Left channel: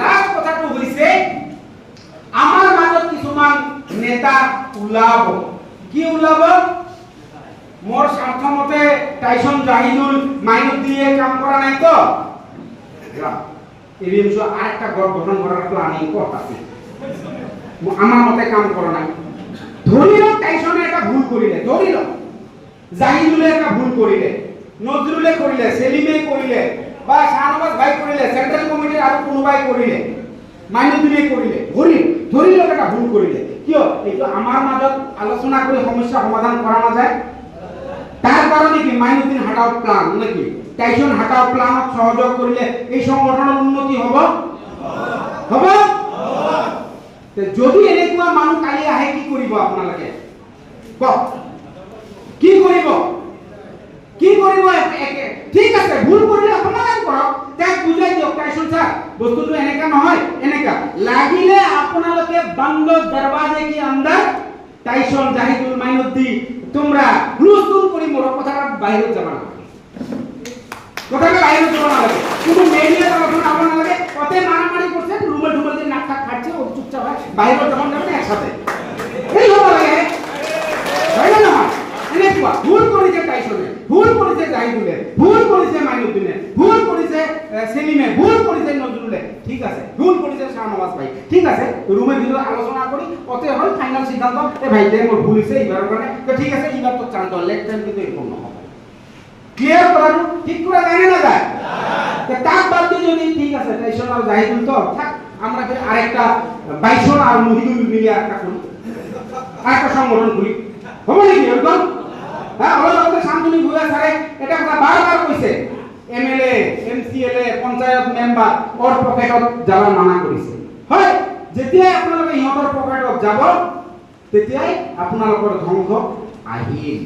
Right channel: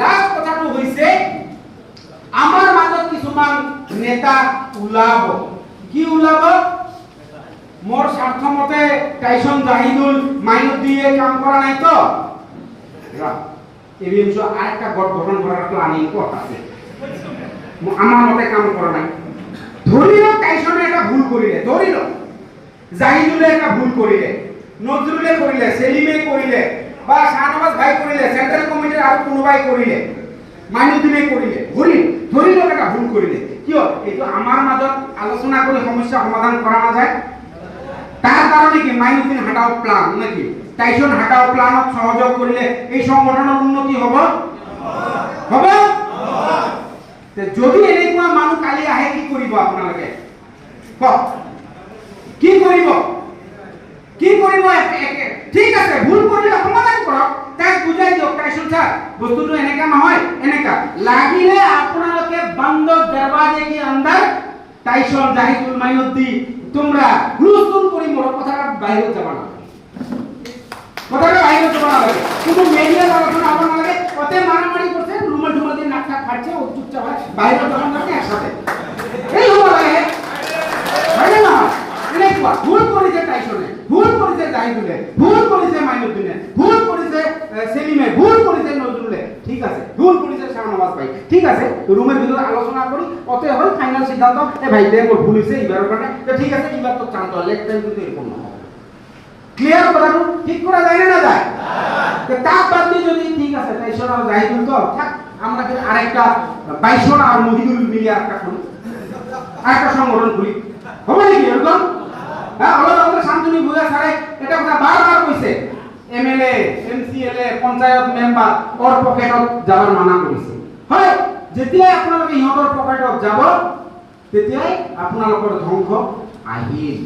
লাস্ট কথাটো হৈছে আমাৰ মাজত কিছুমান নেতা ওলাব। কি ওলাব? মোৰ স্বাৰ্থমতে টাইসন জাহিদুল মাইনুদ্দিনে কাম কৰা নাই তো এরিমসো আরেকটা গঠন করার প্ল্যান ইম্পর্ট আছে আমার মতে কাম করে নাই। ধরিল টাইসনে একটা ভুল করিলে, ধরিল জাহিদুলে একটা ভুল করিলে, নজরুলে করিলে, সেলিমে করিলে বা শাহনবাজ ভাই করিলে, সেন্ট্রাল কমিটির আর কোনোবাই করিলে, মাইনুদ্দিনে করিলে, ধরিল একটা ভুল করিলে, কিয় এইটো আমার মাজত আলোচনা করে সমস্যা সমাধান করা না যায়। তার কারণে কি মাইনুদ্দিন হাটাও প্ল্যান নাকি টাইসন হাটাও প্ল্যানত সহযোগ করিলে এই সংগঠনের উন্নতি হব হব যদি এনেকুৱা মানুহ কালি আহে কি কৰিব আপোনালোকে কওক? কি কৰিব? কি কৰিব? ঠিক আছে, ভুল কৰিলে সমাধান কৰক, তাক বুজাই দিয়ক টাইসন স্যার বস্তুটো এনেকা নহয় এনেকা। লাগিলে আপোনালোকে বন্ধ দরवाजे के अंदर টাইসন জাহিদুল মাইনুদ্দিন তোমরা হুলস্থুল করি মোর কথাটা বাইরে যাবা না, কথাটা বাইরে যাবা না, কিন্তু মেরিয়া আলোচনা আবার না লাগে কতে মারামারি করছে রুমে ঢুকতে নাক খাচ্ছে ও চুপচাপ বাইরে যাবা না একসাথে এই হলো লাগে বাইরে না। এনে কি ভুল করেছে টাইসনে, ভুল করেছে জাহিদুলে, ভুল করেছে মাইনুদ্দিনে, ভুল করেছে সেলিমে, ভুল করেছে নজরুলে, ঠিক আছে ভুল করেছে শাহনবাজ ভাই, ঠিক আছে রুমের ভিতরে আলোচনা করি অতে হল ফাইনাল সিদ্ধান্ত এ ভাই দেখ মোর ভুল হইছে এইবার কারণে তো ঠিক আছে এইবার তো চান্ত লেট টাইম কিন্তু এরকম না হবে ক্লিয়ার করানো ঠিক করা যায় না যায় তো তাক বাদ দিয়ে যদি ঠিক আছে টাইসন আর জাহিদুল তো থাক আমরা কি আরেকটা বাইসন আর মহিদুল মিলে একটা করি আরেকটা সংগঠন করি হবে নাকি এরকম? হ্যাঁ আলাদা শান্তনু ভুয়া স্যারে এটা কথা বারবার কইছে এমএলএ এমসিএলএ পঞ্চায়েত মেম্বার ওর পকেটত যাবার মানা কৰিছে। হয় যেতিয়াই আপোনালোকে ইহঁতৰ পকেটত যাব তেতিয়াই আপোনালোকৰ ধ্বংস আহিল।